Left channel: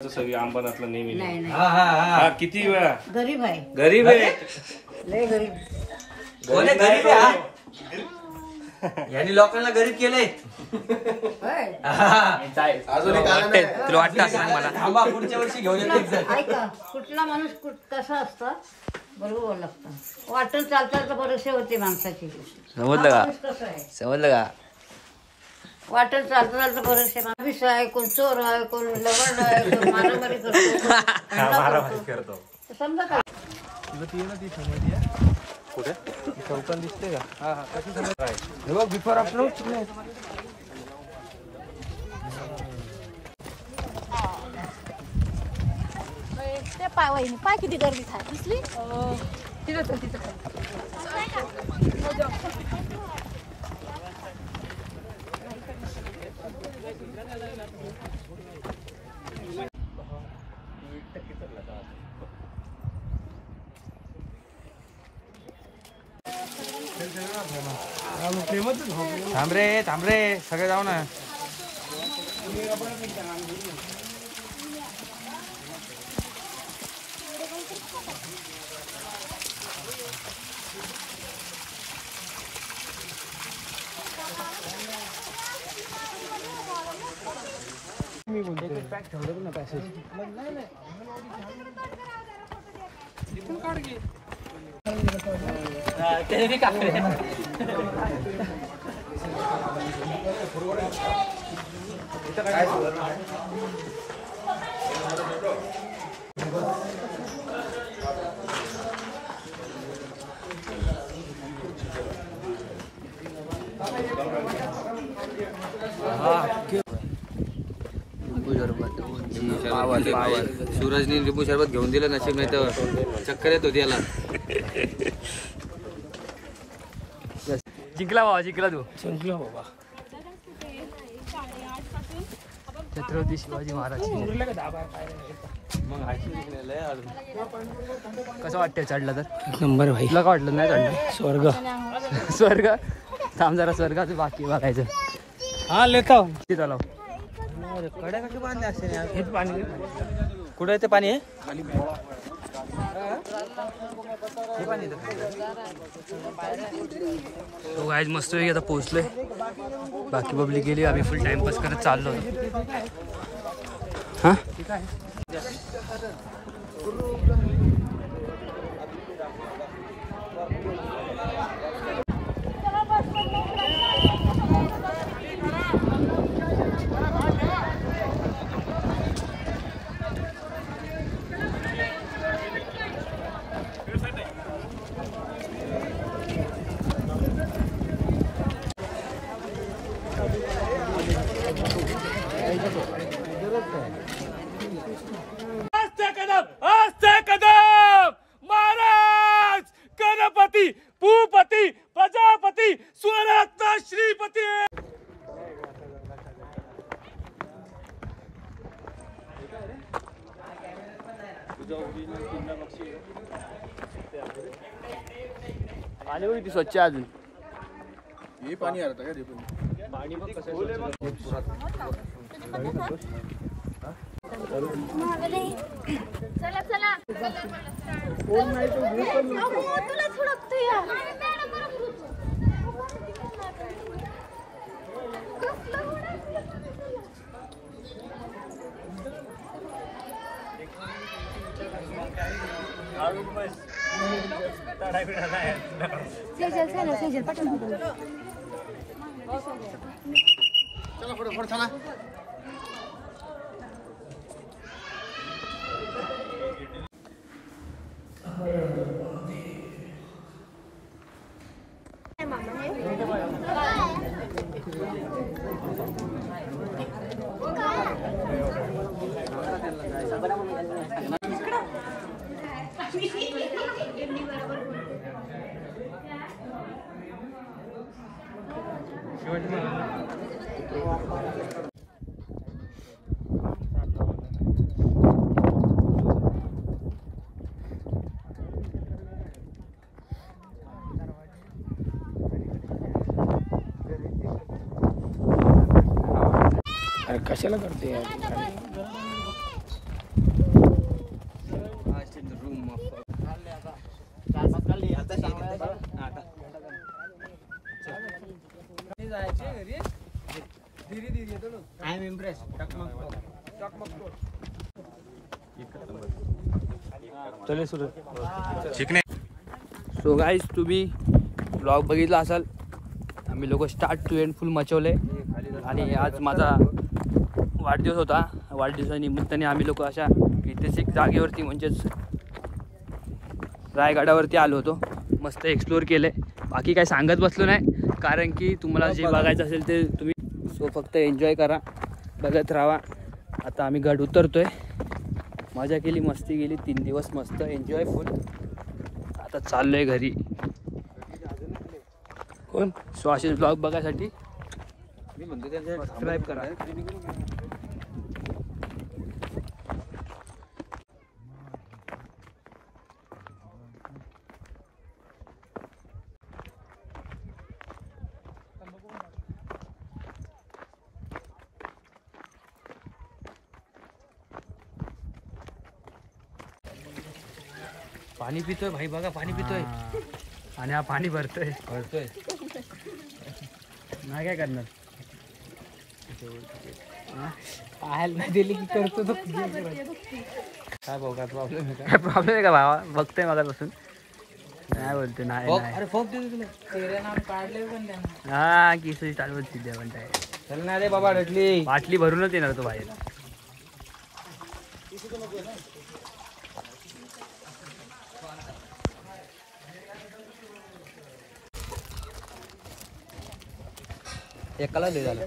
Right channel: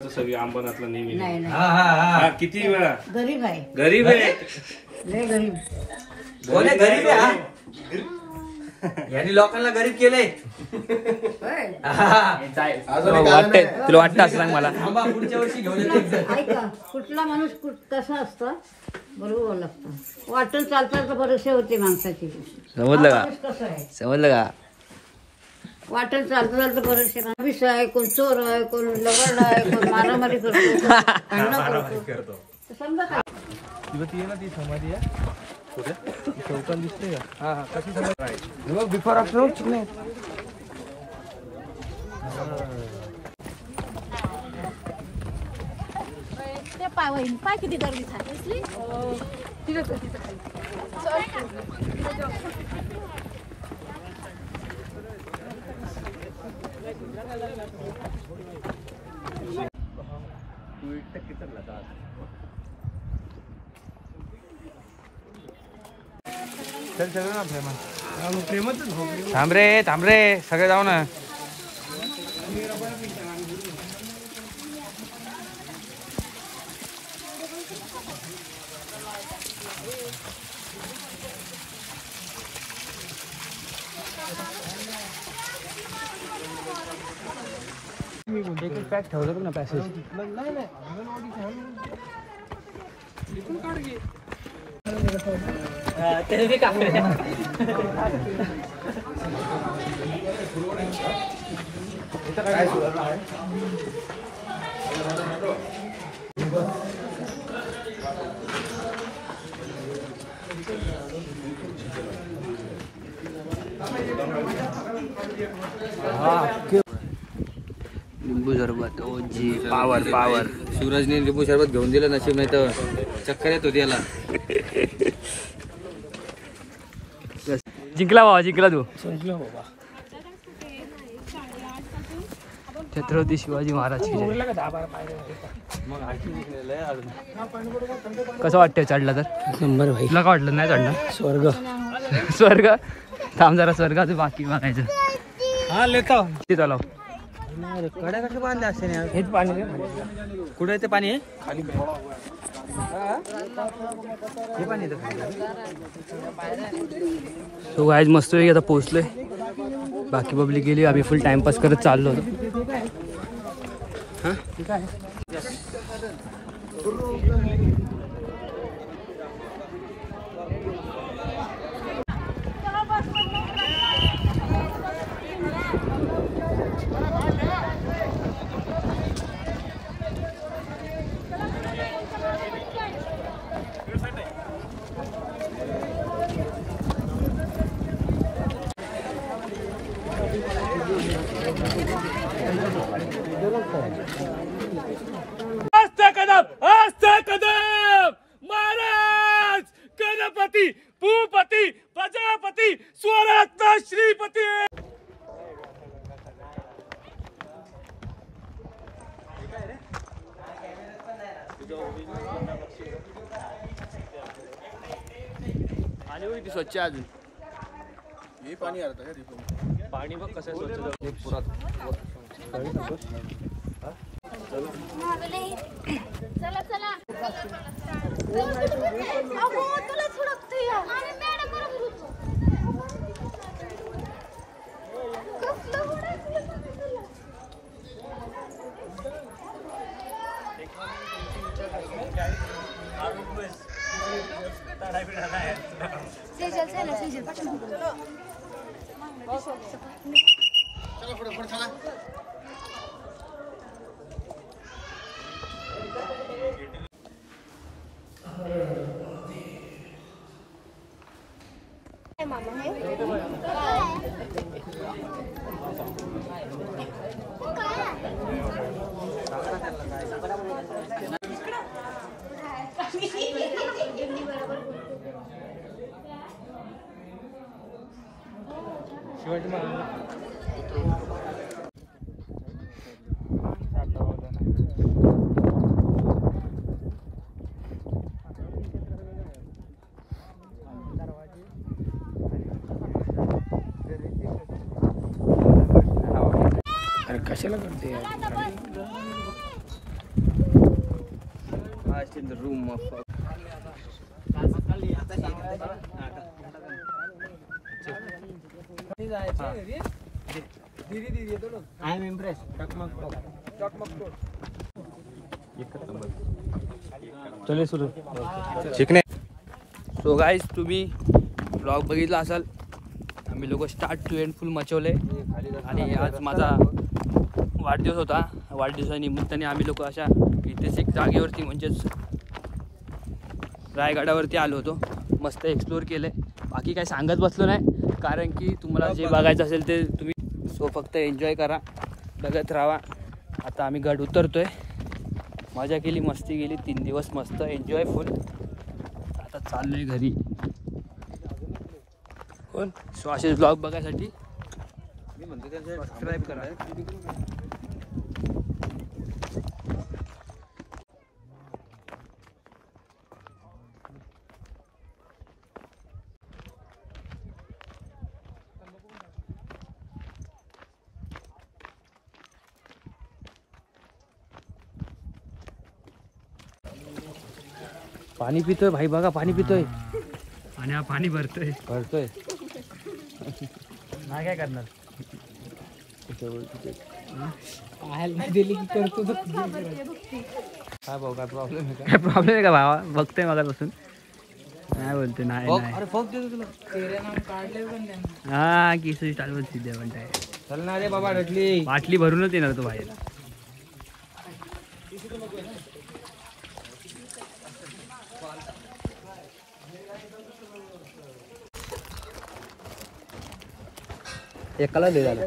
सगळी अंबरनाथला नेहमी नाही नाही हा किती वेळा गरीब आहे गरीब आहे लय गरीब कोणी गरीब आहे यांनी लोकांना गरीब केले. तुला वाटतं असं सांग मला. पुढच्या वर्षी घेऊन येते. ऐका कुठला माणूस कसा असतो बरोबर लागतं वाटून चालता भरोसे होते माणसाची. समजलं का कसं आहे समजलं का वाटून चालता भरोसे माणूस आहे कोण चोर आहे कोण लवड आहे कोण मारामारी करतो समजा का बिफोर अप्रोच पाय किती गर्दी दिसली थांब रे सगळे जाऊ ना. लिंबू सरबत पावर सूरजने लिंबू सरबत घेऊन दिलं नशीब नाही तर चक्कर येत होती याला. जिंकला तू छत्रपती शिवाजी महाराज. कसं वाटतंय चढला तर नंबर भाई तुला का वाटलं नाही चढलं स्वर्ग थांब जरा स्वर्गाचं बाकी बघायचं. हा लेता ते चालव पाणी कुठे ते पाणी आहे तो गायज मस्त आता पोहोचलोय. बाकी पब्लिक गेली आम्ही फुल टाइमपास करत चाललो होतो. हा कदम महाराज गणपती भूपती प्रजापती स्वरत्न श्रीपती. पाणी बघ किती स्वच्छ अजून. पाणी बघ कसं चला चला तुला थोडं सेजल पटकन चला पुढे चला. कशाला करते आय एम इम्प्रेस. चले सुरू. शिकणे. सो गाईज तुम्ही ब्लॉग बघितला असाल. आम्ही लोक स्टार्ट टू एंड फुल मचवले आणि आज माझा वाढदिवस होता. वाढदिवसानिमित्ताने आम्ही लोक अशा ऐतिहासिक जागेवरती म्हणजेच रायगडावरती आलो होतो. मस्त एक्सप्लोअर केले. बाकी काय सांगत बसलो नाही कारण की तुम्हाला जे बघायचं असेल ते तुम्ही सो फक्त एन्जॉय करा, बघत राहा. आता आम्ही गड उतरतोय. मजा केली, मस्ती गेली, 3 दिवस मस्त एन्जॉय फुल. आता चाललोय घरी. सो असे ब्लॉग बघायसाठी सबस्क्राईब करा. पाणी पितोय भाई, बघा पाणी पितोय आणि हा पाणी भरतोय. नाही काय करणार, पाहायला नाही दिली की करतो तो. काय भाऊ, काय प्रॉब्लेम आहे? काय प्रॉब्लेम आहे का भावा? बघतोय मगापासून. नाही बोलते नाही. हा किस चालवत सिद्ध्या म्हणताय. चल ना रे बाबा, रटली बाटली भरूनच येणार तो बाहेर. एकाला दे झालं.